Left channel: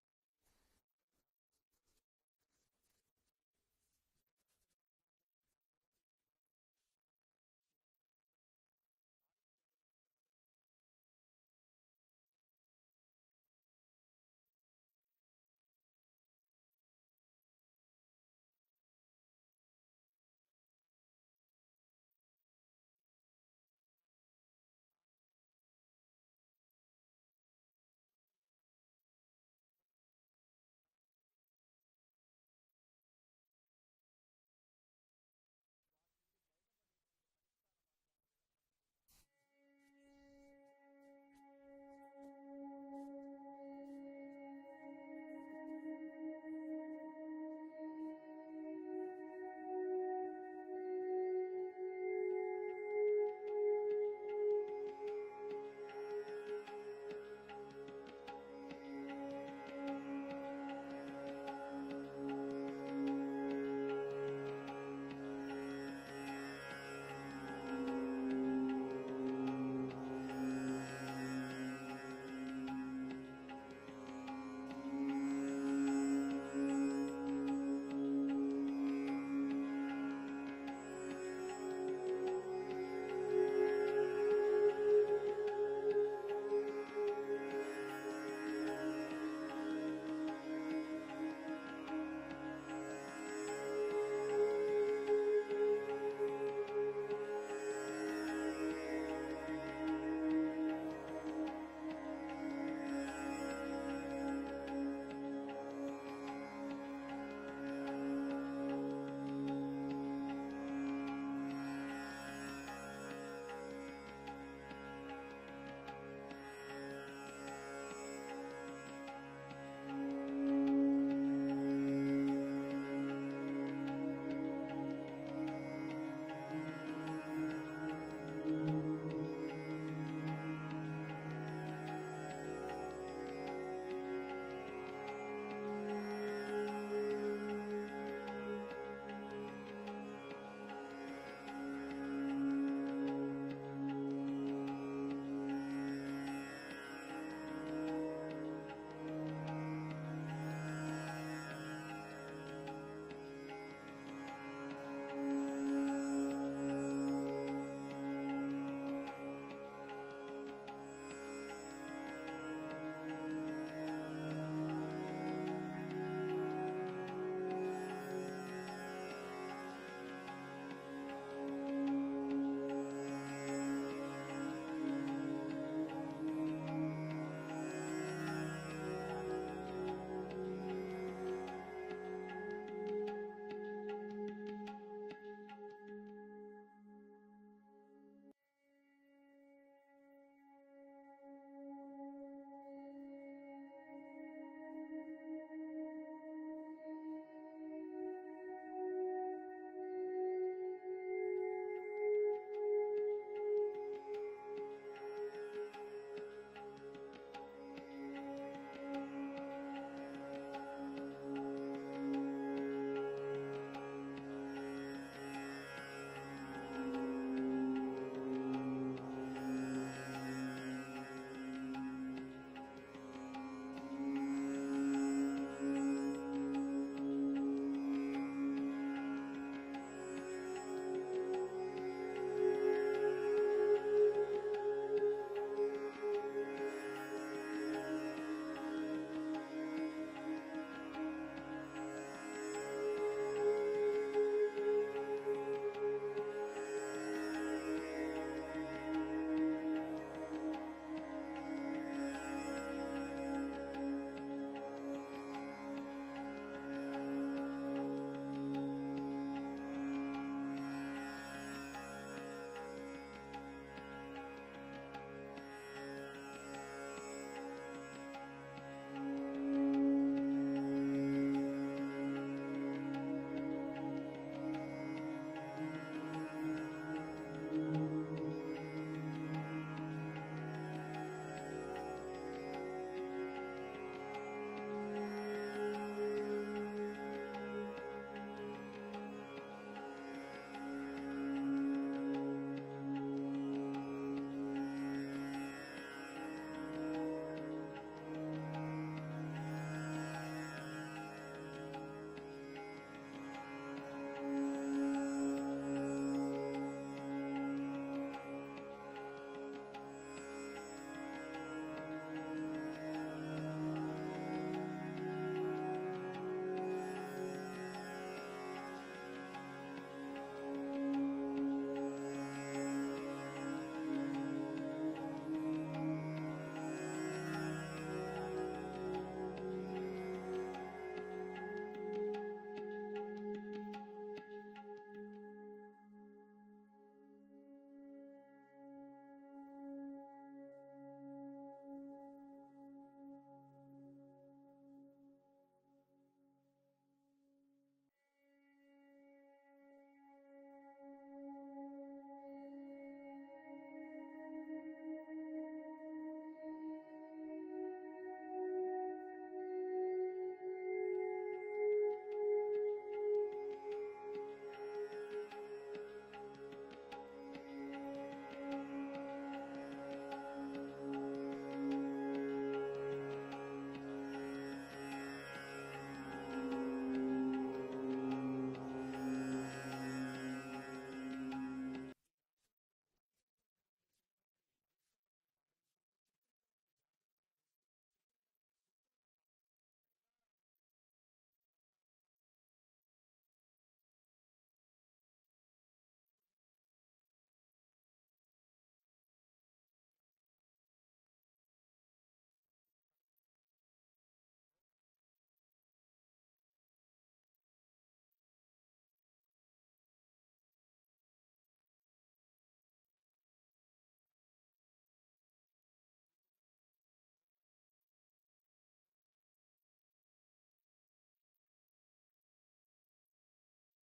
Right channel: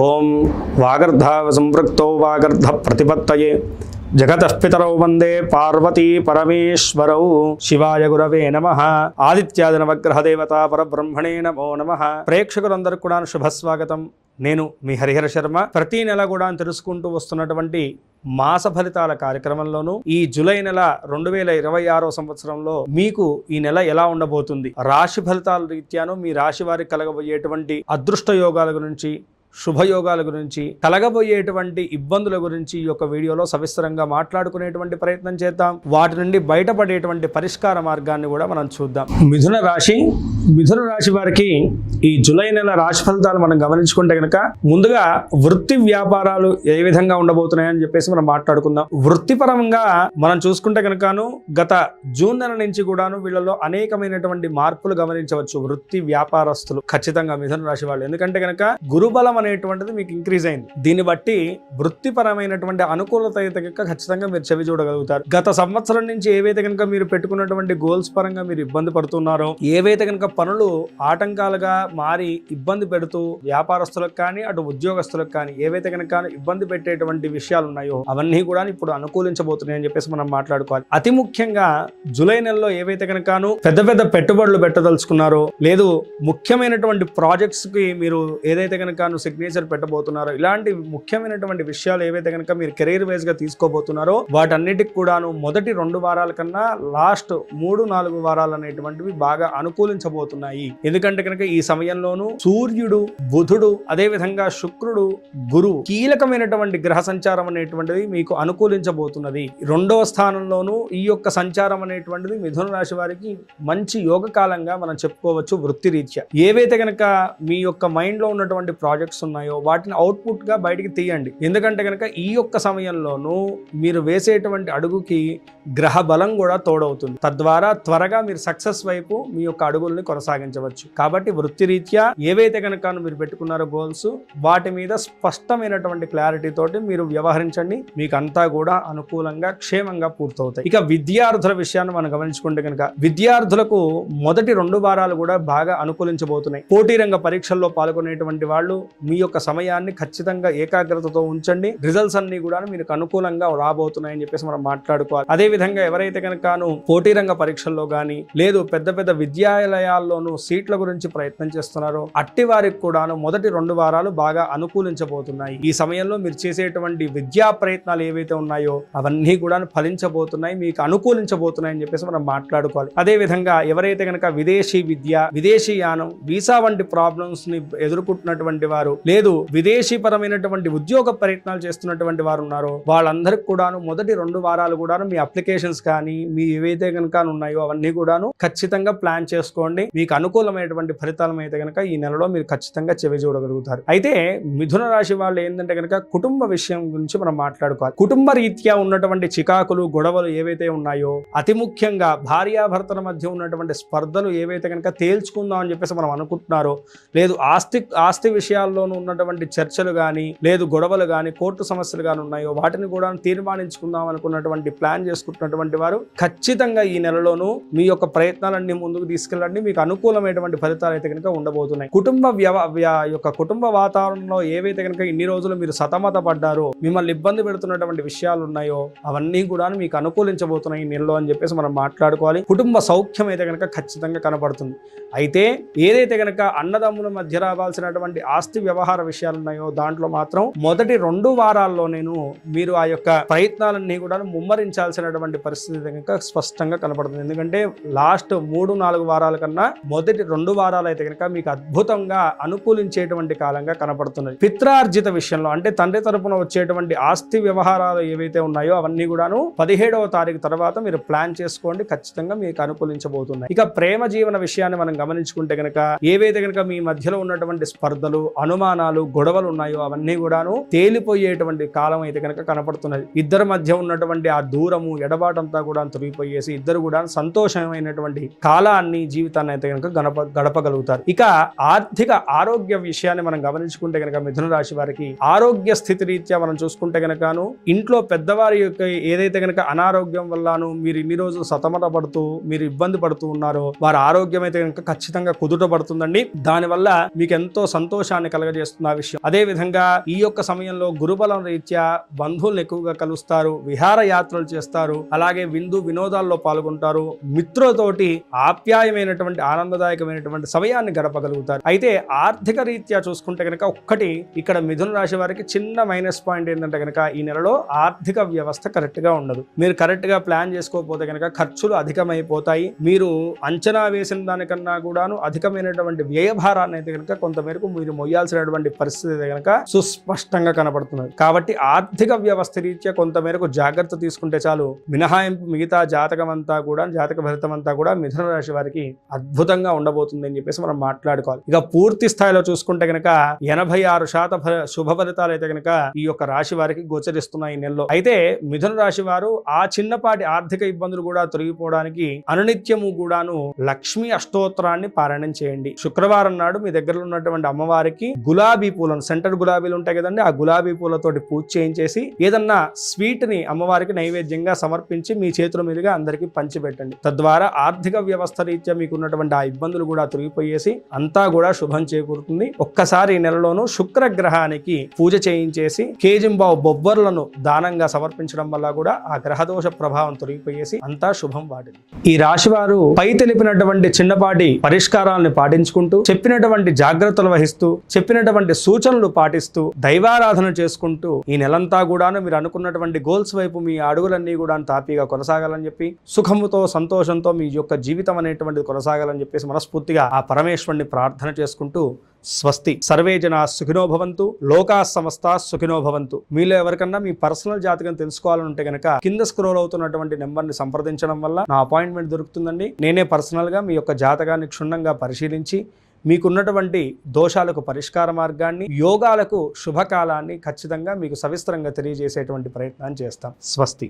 ఓం వాగర్ధావ సంపృక్తో వాగర్ధ ప్రతిపత్తయే జగతః పితరౌ వందే పార్వతీ పరమేశ్వరౌ శివాయ గురవే నమః. ఆదిత్యాది నవగ్రహ దేవతా పరబ్రహ్మణే నమో నమః. ప్రేక్షకులందరికీ కూడా శుభస్వాగతం. నేను మీ హరిహర శర్మ. ప్రతి నెల కూడా తెలుసుకుంటూ వస్తున్నటువంటి మాస ఫలితాల కార్యక్రమంలోనూ ఈ జూలై నెల 2026 సంవత్సరంలో మీకు ఈ నెల ఎలా ఉండబోతుంది, రాశి ఫలితాల రీత్యాను మీ రాశి వారికి కలగబోయేటువంటి అదృష్ట యోగాల గురించి, శుభయోగాల గురించి, కలగబోయేటువంటి ఇబ్బందుల గురించి ఈ యొక్క వీడియోలో సవిస్తరంగా మాట్లాడుకునేటువంటి ప్రయత్నం చేద్దాం. వాటి నుండి బయటపడేటువంటి పరిష్కార మార్గాన్ని కూడా మనం చూద్దాం. మిథున రాశి వారికి ఈ జూలై నెల రాశి ఫలితాలు మనం గమనించుకుంటే కనుక ముందుగా వృత్తి వ్యాపారాలు ఏ విధంగా ఉండబోతున్నాయని చెప్పేసి మనం మాట్లాడుకుందాం. వృత్తిపరంగా మనం చూసుకుంటే కనుకను గత జూన్ నెల నుంచి కూడాను వీళ్ళలో అనేకమైనటువంటి మార్పులు గమనించవచ్చు. వృత్తి వ్యాపారస్తులు ఖచ్చితంగా మిథున రాశి వాళ్ళు, ఎందుకంటే కనుక గురుబలం అనేటువంటిది మీకు ఇంక్రీజ్ అయింది. దీన్ని బట్టి వృత్తిపరమైనటువంటి అనుకూలత అయితే కనుక ఖచ్చితంగా మీరు చెవి చూడగలుగుతారు. గత సంవత్సరం నుంచి ఏవైతే కనుక మీరు పెట్టుకున్నటువంటి గోల్స్ పరంగా మీరు ఇబ్బంది పడుతున్నారో, ఏవైతే కనుక పనులు ఆటంకాలుగా మారి ఇబ్బంది పెడుతూ వ్యాపారస్తులకు కానీ అటు ఉద్యోగస్తులకు కానీ ఏవైతే కనుక ఇబ్బంది పెట్టేటువంటి విషయాలు ఉన్నాయో అవన్నీ కూడా ఇప్పుడు అనుకూలించబోతున్నాయి అని చెప్పేసి మనం మాట్లాడుకోవాలి. అతి ముఖ్యంగా జూలై నెలలో ఏవైతే కనుక పెద్ద పెద్ద పెట్టుబడులు పెట్టదలుచుకున్నారో, లేదు ముఖ్యమైనటువంటి ప్రాజెక్ట్స్ కి మీరు ఏదైతే కనుక సిగ్నేచర్ పెట్టబోతున్నారో, ఇలాంటి ముఖ్యమైనటువంటి విషయాలు ఏవైతే కనుక మీరు కెరీర్ వైజ్ గా తీసుకోబోతున్నారో వాటన్నిటికి కూడాను మొదటి 2 వారాల కన్నా లాస్ట్ 3-4 వారాలు అనేటువంటివి బాగా అనుకూలించబోతున్నాయి. ఎందుకంటే కనుక ఈ సమయంలోనూ సూర్యుడు, బుధుడు, అదే విధంగా శుక్రుడు, గురువు కీలకమైనటువంటి గ్రహ సంచారం అనేటువంటిది మీకు అనుకూలించబోతున్నది. 2వ స్థానంలోనూ ఈ యొక్క సంచారం అనేటువంటిది మిథున రాశి వారికి మంచి యోగ కాలంగా మనం చెప్పుకోవచ్చు. వృత్తి రీత్యా ఏవైతే కనుక మీ యొక్క మైండ్ లో ఉన్నటువంటి ప్రాజెక్ట్స్ ఉన్నాయో వాటిని అవుట్పుట్ గా బయటికి తీయండి. ఎందుకంటే కనుక ఈ యొక్క సమయంలోనూ మీరు వేసేటువంటి అడుగుకి గ్రహ బలం కూడా తోడవుతుంది. తద్వారా త్వరగా మీరు సక్సెస్ వైపు మీ యొక్క అడుగుల్ని కొనసాగించవచ్చు. కాబట్టి వృత్తి రీత్యా ఏవైతే కనుక మీరు పెట్టుకున్నారో గోల్స్, వాటి మీద స్పష్టమైనటువంటి క్లారిటీ తోటి మీరు వ్యవహరించండి. మీకు అంతా కూడా అనుకూలంగా క్షేమంగా పూర్తవుతాయి. ఇక విద్యార్థుల విషయాన్ని మనం గమనించుకుంటే కనుక విద్యార్థులకు మొదటి 2 వారాలు కూడా బాగా అనుకూలించబోతున్నాయి. పోటీ రంగ పరీక్షల్లో పాల్గొనేటువంటి వాళ్ళు మీ యొక్క సమయాన్ని ఖచ్చితంగా ఏకాగ్రతతో ఉంచండి. రిజల్ట్స్ అన్ని కూడా మీకు అనుకూలంగా రాబోతున్నాయని చెప్పేసి మనం మాట్లాడుకోవాలి. అదే విధంగా ఎవరైతే కనుక పోటీ రంగ పరీక్షల్లో గానీ లేదు పెద్ద పెద్ద విద్యాలయాల్లోనూ సీట్ల గురించి ప్రయత్నం చేస్తున్నారో అట్టి వారికి కూడాను మొదటి 2 వారాలు బాగా అనుకూలించబోతున్నాయి. ఈ సమయంలో మీరు చేసేటువంటి విద్యా ప్రయత్నాలు ఏవైతే ఉన్నాయో అవన్నీ కూడా ఫలించబోతున్నాయి, మీకు అనుకూలించబోతున్నాయి అని చెప్పేసి మనం మాట్లాడుకోవాలి. అదే విధంగా ఎవరైతే కనుక విదేశీ విద్య, విదేశీ యానం, వీసా వంటి ప్రాబ్లమ్స్ ని ఎదుర్కొంటున్నటువంటి వారు, లేదు విదేశీ పరమైనటువంటి ఉద్యోగ ప్రయత్నాలు చేస్తున్నటువంటి వారు ఉన్నారో వాళ్ళందరికీ కూడాను మొదటి 2 వారాలు కూడాను మీ అప్లికేషన్స్ కానీ మీ ఏవైతే కనుక ఉన్నాయో అవన్నీ కూడాను ఖచ్చితంగా ప్లాన్ చేసుకోండి. మీకు అనుకూలమైనటువంటి ఫలితాలు అయితే కనుక ఈ నెలలో మీరు ఖచ్చితంగా చెవి చూడగలుగుతారు. అయితే మిథున రాశి వాళ్ళు ఏంటంటే కనుక కుటుంబ విషయం గురించి మనం మాట్లాడుకోవాలి. కుటుంబ రీత్యా ఉన్నటువంటి చికాకులు, గొడవలు ఏవైతే ఉన్నాయో, అతి ముఖ్యంగా భార్యాభర్తల మధ్య ఉన్నటువంటి స్పర్ధలు ఏవైతే కనుక తేల్చుకుందాం అని చెప్పేసి మనం అనుకుంటున్నారో, లేదు ఆస్తి విషయాల్లోనూ ఉన్నటువంటి చర్చలు కానీ, లేదు గొడవలు కానీ, కోర్టు సమస్యలు కానీ ఉన్నాయో వాటిని కూడా తీర్మానించుకుందాం అనుకున్నటువంటి ప్లాన్ చేసుకుంటున్నటువంటి వారు ఖచ్చితంగా ఈ నెలలోనూ మీ యొక్క ప్రయత్నాలన్నీ ముందుకు తీసుకెళ్ళండి. మీకు అనుకూలమైనటువంటి ఫలితాలు అయితే కనుక ఉండబోతున్నాయి. కుటుంబ వాతావరణంలో ఏవైతే కనుక ఇన్ని రోజులు మీరు సతమత పడ్డారో, మిమ్మల్ని ఇబ్బంది పెడుతున్నటువంటి విషయాలు ఉన్నాయో అవన్నీ కూడా మీకు అనుకూలించబోతున్నాయి ఈ నెలలో అని చెప్పేసి మనం మాట్లాడుకోవాలి. కుటుంబ సౌఖ్యం అయితే కనుక ఖచ్చితంగా కనపడుతుంది. అయితే ఏదైతే కనుక అన్నదమ్ముల మధ్య రావాల్సినటువంటి ఆస్తి వ్యవహార విషయాలు ఉన్నాయో దాంట్లో మాత్రం మొదటి 2 వారాల్లో మీరు ఆ యొక్క ప్రయత్నాలన్నీ కూడా ముమ్మరించాల్సినటువంటి పరిస్థితి కనుక స్పష్టంగా కనపడుతుంది. ఎందుకంటే లాస్ట్ 3-4 వారాల కన్నా మొదటి 2 వారాలు అయితే కనుక మీకు అద్భుతంగా అనుకూలించేటువంటి కాలంగా కనపడుతున్నది. పిత్రార్జిత విషయంలో అంటే తండ్రి తరపున వచ్చేటువంటి ఆస్తి వ్యవహారాలు ఏవైతే ఉన్నాయో అవన్నీ కూడాను 17వ తారీఖు తర్వాత మీరు ప్లాన్ చేసుకోండి, ఖచ్చితంగా మీకు అనుకూలించబోతున్నాయి. ఇక ప్రేమ జీవన విషయాన్ని మనం గమనించుకుంటే కనుక ఏవైతే కనుక మీ మధ్యలో ఉన్నటువంటి స్పర్ధలు, అనుమానాలు, గొడవలు ఉన్నాయో అవన్నీ కూడాను తేలిపోయేటువంటి కాలం అయితే కనుక కనపడుతున్నది. ఇద్దరి మధ్య ఉన్నటువంటి ఆ దూరము, ఎడబాటంతా కూడా తొలగిపోయేసి ఇద్దరు కూడా సంతోషమైనటువంటి కాలాన్ని, జీవితాన్ని అయితే కనుక గడపగలుగుతారు. ఇక ఆర్థిక ఆరోగ్య విషయాన్ని మనం గమనించుకుంటే కనుక మిథున రాశి వారికి ఆరోగ్య స్థితి రీత్యా మనం చూసుకుంటే కనుకను ఇంట్లో పెద్దవారి యొక్క ఏదైతే కనుక అనారోగ్యం వల్లను మీరు ఇన్ని రోజులు సతమత పడుతూ మీరు ఇబ్బంది పడుతూ ఉన్నారో వారి ఆరోగ్యం అయితే కనుక ఖచ్చితంగా కుదుట పడుతుందండి. దానివల్ల మీకు ఎంతో సంతోషాన్ని కలగజేస్తుంది ఆ విషయం. అదే విధంగా ఈ యొక్క సమయంలో గురుబలం రీత్యా బంధువులను ఎక్కువగా కలుస్తారు, విహారయాత్రలు చేస్తారు, అలాగే విందు వినోదాల్లో పాల్గొంటారు, మిత్రులతోటి ఆప్యాయమైనటువంటి ఆనందదాయకమైనటువంటి సమయాన్ని గడపగలుగుతారు. అయితే ఆర్థిక రీత్యా చూసుకుంటే కనుక ఒక్కటి ఇక్కడ మిథున రాశి వారికి చిన్న మైనస్ పాయింట్ ఏంటంటే కనుక ఈ నెలలో ఆర్థిక వ్యవస్థ కరెక్ట్ గా ఉండదు. మీరు కరెక్ట్ గా ప్లాన్ చేసుకోకపోతే కనుక ఖర్చులు అధికమైపోతాయి. మీరు అంచనా వేసిన దానికన్నా కూడాను అధికమైనటువంటి వ్యయభారాన్ని అయితే కనుక కొంతమేరకు మీరు మొయ్యాల్సినటువంటి పరిస్థితి కనుక సుస్పష్టంగా కనబడుతున్నది. కాబట్టి ఆర్థిక వ్యవస్థ రీత్యా కొంతమేరకు జాగ్రత్త తీసుకుంటే చాలు. మినహాయింపు మిగతా జాతక ఫలితం అంతా కూడా మిథున రాశి వారికి అద్భుతంగా ఉండబోతుంది అని చెప్పేసి మనం మాట్లాడుకోవాలి. ఇక పూర్తి స్థాయిలో చూసుకుంటే కనుక 86% శుభ ఫలితాలు అయితే కనుక ఈ యొక్క రాశి వారికి గోచరిస్తున్నాయి ఈ నెలలో. అయితే మిథున రాశి వారు ఆ చిన్నపాటి ఆర్థిక ఇబ్బందులు కూడా తొలగిపోవడానికి అనునిత్యము కూడాను లక్ష్మీ అష్టోత్తరాన్ని పారాయణం చేయండి. శుక్రవారం నాడు మీ దగ్గర ఉన్నటువంటి అమ్మవారికి గులాబీ పూలను, సెంటర్ గులాబీలు ఉంటాయి కదండి, ఆ గులాబీ పూలతోటి పూజ చేయించేసి ఏదన్నా స్వీట్ ని అమ్మవారికి నైవేద్యంగా సమర్పించి మీ చేతుల మీదుగా అందరికీ పంచిపెట్టండి. తద్వారా ఆర్థిక వ్యవస్థ రీత్యా మీకున్నటువంటి ఆ ఇబ్బందులు కూడా తొలగిపోయేసి అంతా కూడా శుభం చేకూరుతుంది. ఒక్కసారి ఈ నెలలోనూ శుక్రగ్రహానికి పూజ చేయించేసి కేజింబావు బొబ్బర్లను దానంగా సమర్పించడం వల్ల కూడా ఆ గ్రహదోష ప్రభావం తొలగిపోయేసి అంతా శుభం వాడి. ఈ రాశి వారు పై తెలిపినటువంటి చిన్నపాటి పరిష్కారాలను పాటించుకుంటూ, చెప్పినటువంటి జాగ్రత్తలు వహిస్తూ, చెప్పినటువంటి సూచనలు పాటిస్తూ, దైవారాధన చేసుకుంటూ ఈ నెలంతా కూడాను మీరు అనుకున్నటువంటి గోల్స్ వైపు మీ అడుగులన్నీ కూడా తాపీగా కొనసాగాలని చెప్పి, సుఖముతో సంతోషంతో మీ యొక్క జీవితం అనేటువంటిది కొనసాగాలని చెప్పేసి మనస్ఫూర్తిగా ఆ పరమేశ్వరుని ప్రార్థన చేసుకుంటూ స్వస్తి. సర్వే జనా సుఖినో భవంతు, లోకా సమస్తా సుఖినో భవంతు. మీలో ఎవరికన్నా మీ పర్సనల్ జాతకం తెలుసుకోవాలంటే కనుక కింద స్క్రోల్ అవుతున్నటువంటి నెంబర్ని సంప్రదించడం వల్ల నా అపాయింట్మెంట్ దొరుకుతుందండి. నేనే పర్సనల్గా మీ యొక్క జాతకాన్ని క్షుణ్ణంగా పరిశీలించి మీకున్నటువంటి దోషాలకు పరిష్కార మార్గాన్ని, యోగాలకు శుభకాలాన్ని ఖచ్చితంగా మీకు సవిస్తరంగా తెలియజేసేటువంటి ప్రయత్నాన్ని చేస్తాం. స్వస్తి.